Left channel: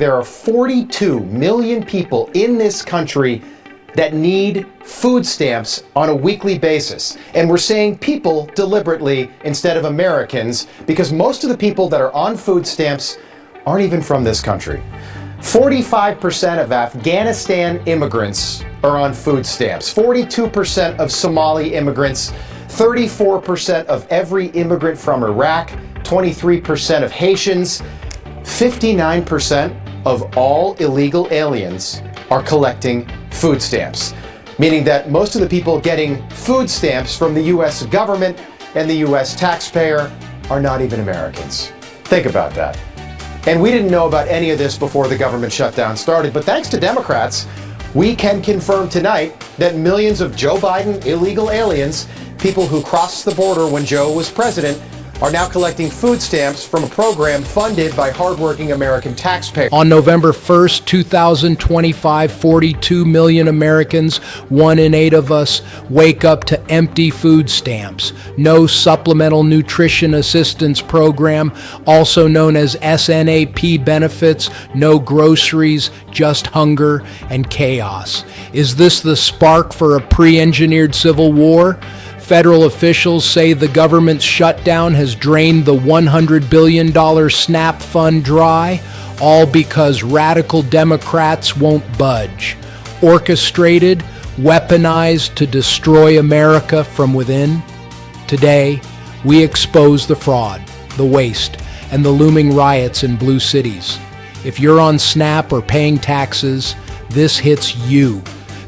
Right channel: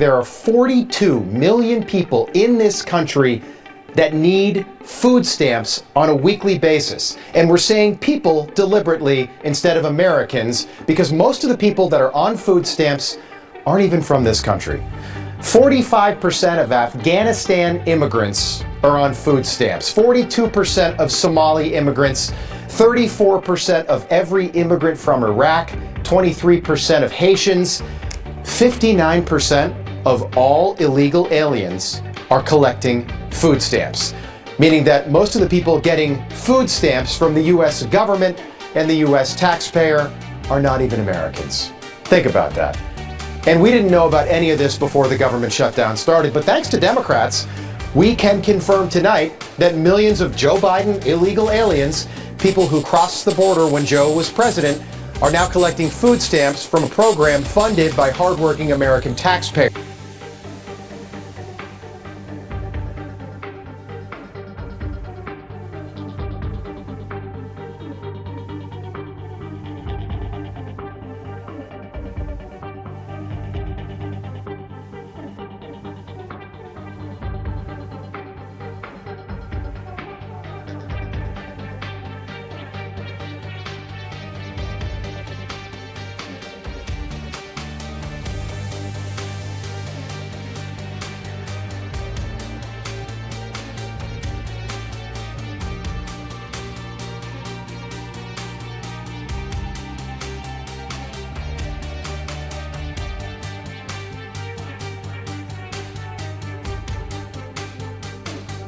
There are 42 million people in this country that need food stamps on a weekly basis. And we're saying people deliberately instead of Americans, because most of the people that are on food stamps aren't even from this country. 45% of Afghanistan immigrants are on food stamps. 42% of Somali immigrants, 34% of every immigrant from Iraq, 23% of Haitians, 59% of all illegal aliens are collecting food stamps, meaning that most of the people getting food stamps from the US government and the US taxpayer are not even Americans. Think about that. And we didn't know about any of this before the government shutdown started, but thanks to Democrats, we can confirm tonight that millions of Joe Biden illegal aliens, people who crossed the border when Joe was president, are now collecting food stamps from a program funded by hardworking American taxpayers. On November 1st, 2025, 42 million Americans, 1 in 8 of us, wake up to empty food stamps. No supplemental nutrition assistance program, also known as SNAP benefits, no groceries, just hunger and chaos. Is this the spark for a pre-engineered civil war? Federal officials say the government's shutdown has drained the $100 billion SNAP fund dry, all because radical Democrats won't budge. Orchestrated, weaponized to destroy America from within. Today, we expose the fraud, the waste, and the looming riots in blue cities. If you're on SNAP or paying taxes, this hits you.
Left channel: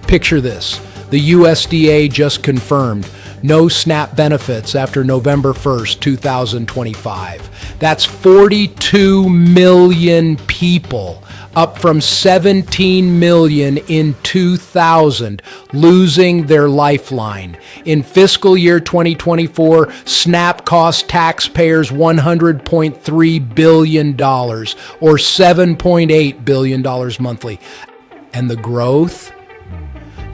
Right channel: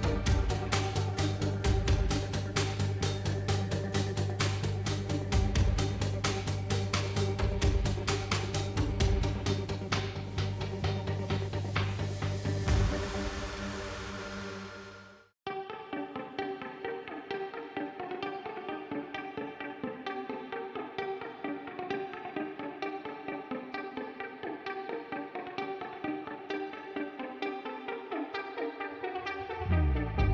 Picture this. The USDA just confirmed no SNAP benefits after November 1st, 2025. That's 42 million people, up from 17 million in 2000, losing their lifeline. In fiscal year 2024, SNAP cost taxpayers $100.3 billion, or $7.8 billion monthly. And the growth?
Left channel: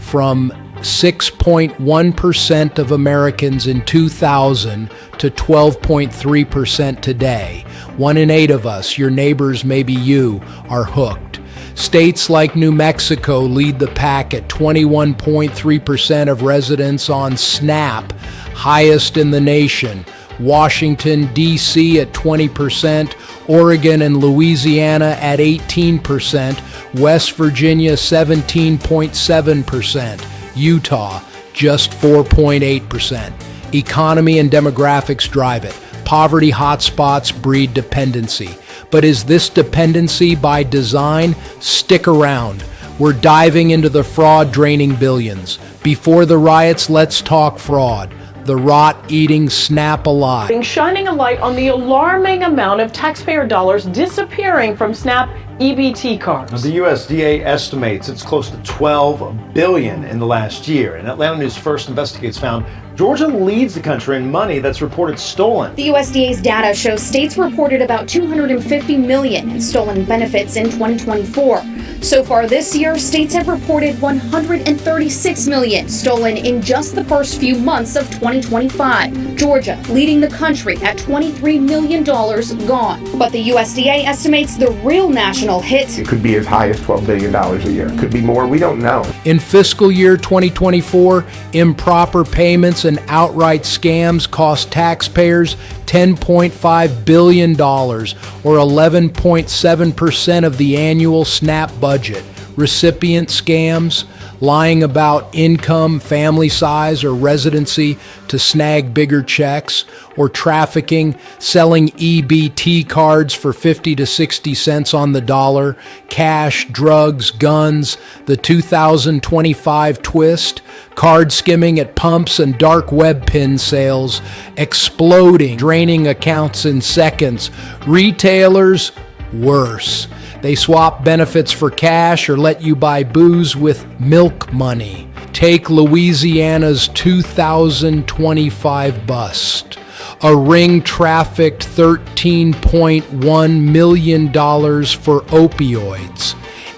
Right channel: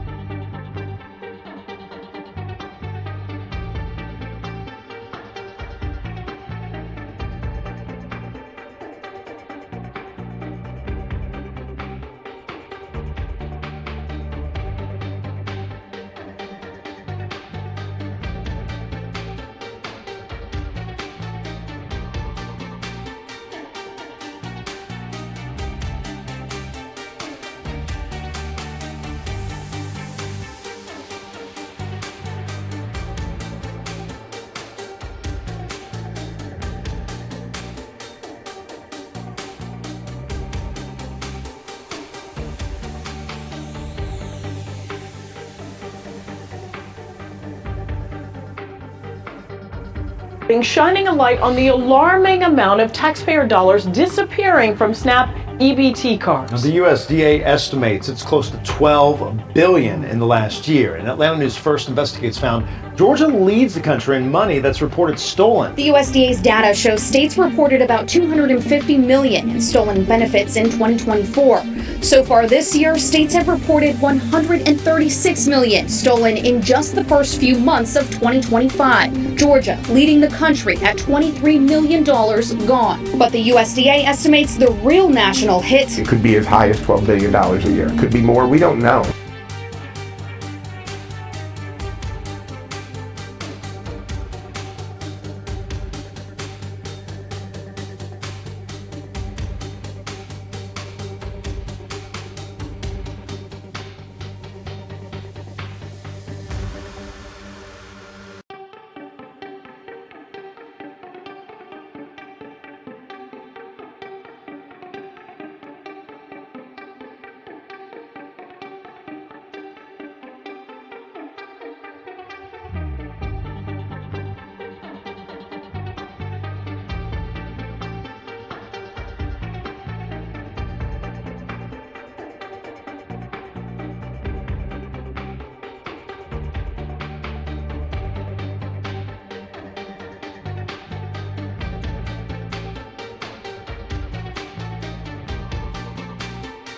From 6.1% of Americans in 2000 to 12.3% today. 1 in 8 of us, your neighbors, maybe you, are hooked. States like New Mexico lead the pack at 21.3% of residents on SNAP, highest in the nation. Washington, D.C. at 20%, Oregon and Louisiana at 18%, West Virginia 17.7%, Utah just 4.8%. Economy and demographics drive it. Poverty hotspots breed dependency. But is this dependency by design? Stick around. We're diving into the fraud draining billions. Before the riots, let's talk fraud. The rot-eating SNAP alive. Shining a light on the alarming amount of taxpayer dollars disappearing from SNAP EBT cards. Now, the USDA estimates it's close to $12 billion in the last year. And Atlanta News First Investigates found Georgia leads the country in money that's reported stolen. The USDA's data shows states reported about $250 million in stolen benefits in 2024. So far this year, states have reported $136 million stolen in just the first few months of 2025. Georgia leading the country at $23 million gone. But the USDA estimates the real national hit. It could be as high as $12 billion a year. It could be more. We don't know. In fiscal year 2024, improper payments and outright scams cost taxpayers $10.5 billion, or 11.7% of the annual SNAP budget. Recipient scams, lying about income, family size, or residency to snag bigger checks, or trafficking, selling EBT cards for 50 to 60 cents on the dollar, cash, drugs, guns, the 2025 twist, card skimming at pumps and dark web pin sales, exploding, draining accounts in seconds. Retailers, worse. They swap benefits for cash or let you buy booze with milk money. Take Louisiana's 2025 bust. A ring trafficked $13.1 million for opioids.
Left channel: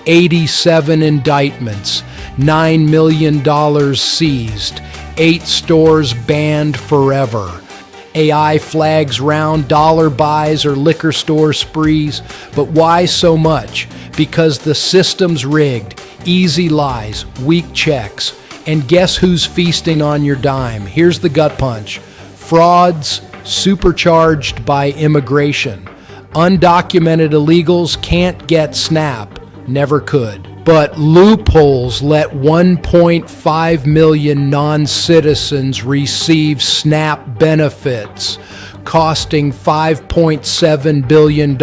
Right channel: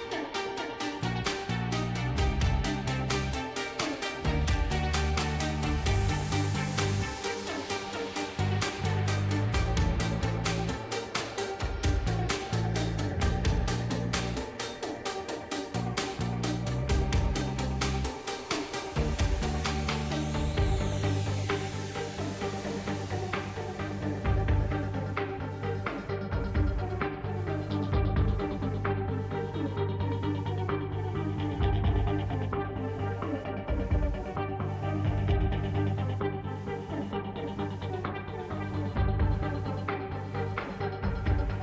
87 indictments. $9 million seized. 8 stores banned forever. AI flags round dollar buys or liquor store sprees. But why so much? because the system's rigged, easy lies, weak checks. And guess who's feasting on your dime? Here's the gut punch. Frauds supercharged by immigration. Undocumented illegals can't get SNAP, never could. But loopholes let 1.5 million non-citizens receive SNAP benefits, costing $5.7 billion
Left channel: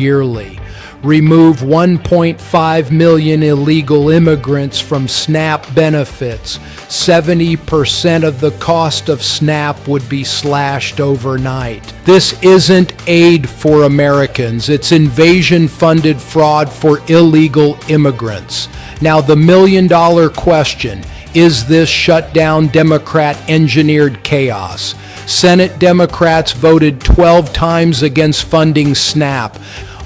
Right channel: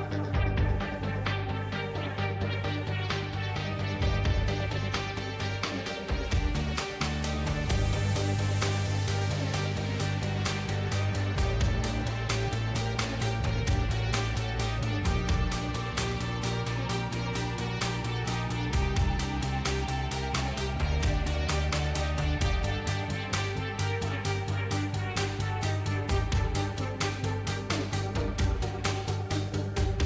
yearly. Remove 1.5 million illegal immigrants from SNAP benefits. 70% of the cost of SNAP would be slashed overnight. This isn't aid for Americans. It's invasion-funded fraud for illegal immigrants. Now, the million-dollar question, is this shutdown Democrat-engineered chaos? Senate Democrats voted 12 times against funding SNAP.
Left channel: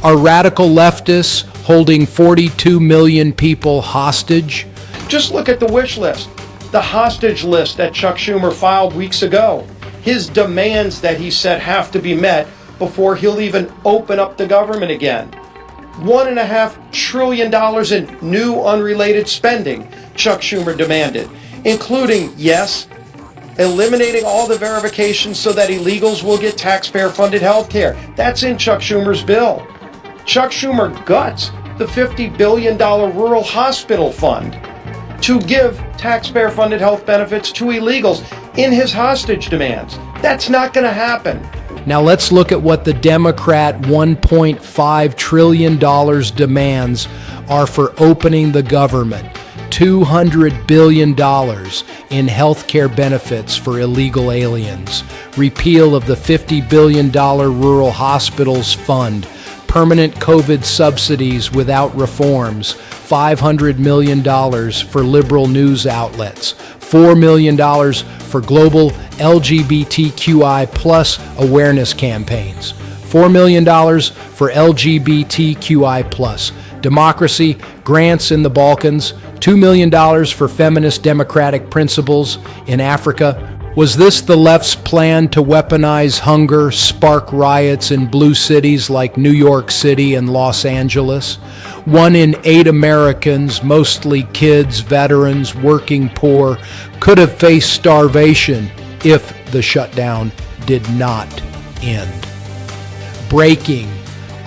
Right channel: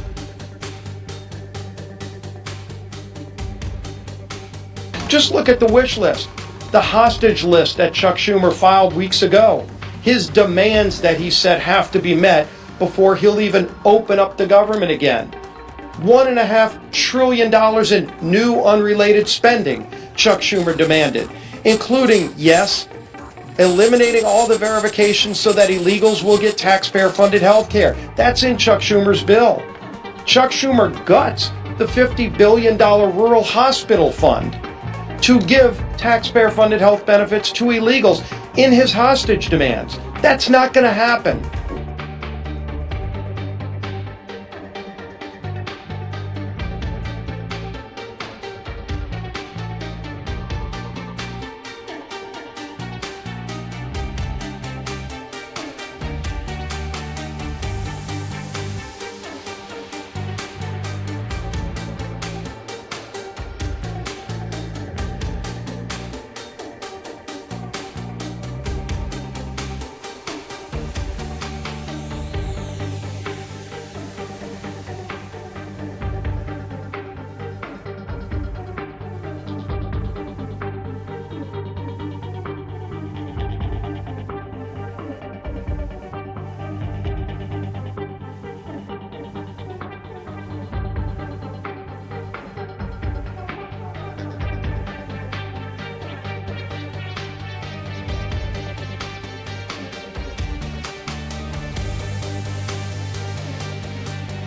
Are radical leftists holding 42 million people hostage? Just look at the wish list, the hostage list that Chuck Schumer filed weeks ago. His demands that he said have to be met before he'll even open up the government again. $1.5 trillion in new unrelated spending Chuck Schumer demanded, including, yes, eliminating all the verifications so that illegals will get taxpayer-funded health care. That's in Chuck Schumer's bill. Chuck Schumer guts the $50 billion rural hospital fund to give taxpayer-funded health benefits to illegals in his hostage demands. That's not going to happen. Now let's look at what the Democrat $1.5 trillion demands are for opening the government. $200 billion in health care benefits for illegal aliens. Repeal of the $50 billion rural hospitals fund. Permanent COVID subsidies without reforms, $500 million for liberal news outlets, $4 million for global LGBTQI plus awareness campaigns, $4 million for LGBTQI plus democracy, grants in the Balkans, $2 million for feminist democratic principles in Africa. Was this the left's plan to weaponize hunger, spark riots in blue cities like New York City and Los Angeles? 1 in 8 Americans, mostly kids, veterans, working poor, could have faced starvation if the shutdown did not end. Breaking.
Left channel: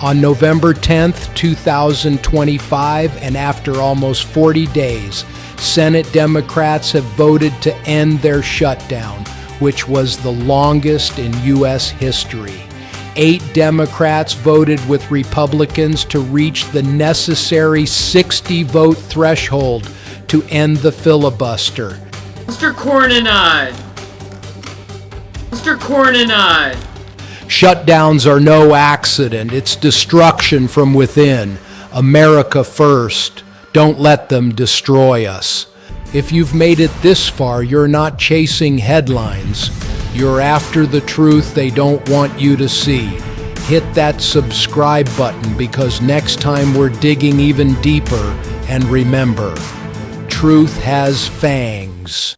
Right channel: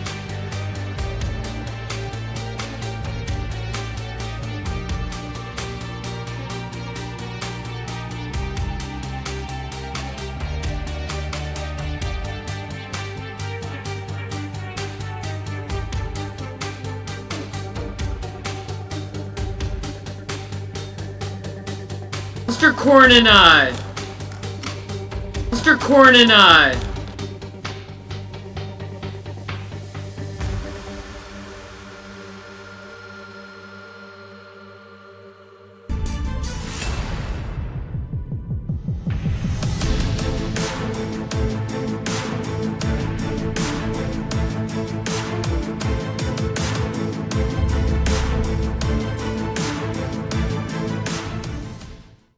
On November 10th, 2025, and after almost 40 days, Senate Democrats have voted to end their shutdown, which was the longest in U.S. history. 8 Democrats voted with Republicans to reach the necessary 60-vote threshold to end the filibuster. Mr. Cornyn-eyed. Mr. Cornyn-eyed. Shutdowns are no accident. It's destruction from within. America first. Don't let them destroy us. If you've made it this far, you're not chasing headlines. You're after the truth they don't want you to see. Hit that subscribe button because next time we're digging even deeper. And remember, truth has fangs.